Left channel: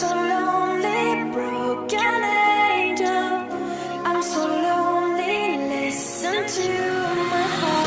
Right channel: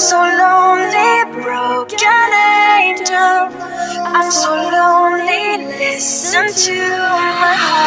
so lonely, broken angel. I'm so lonely, listen to my heart.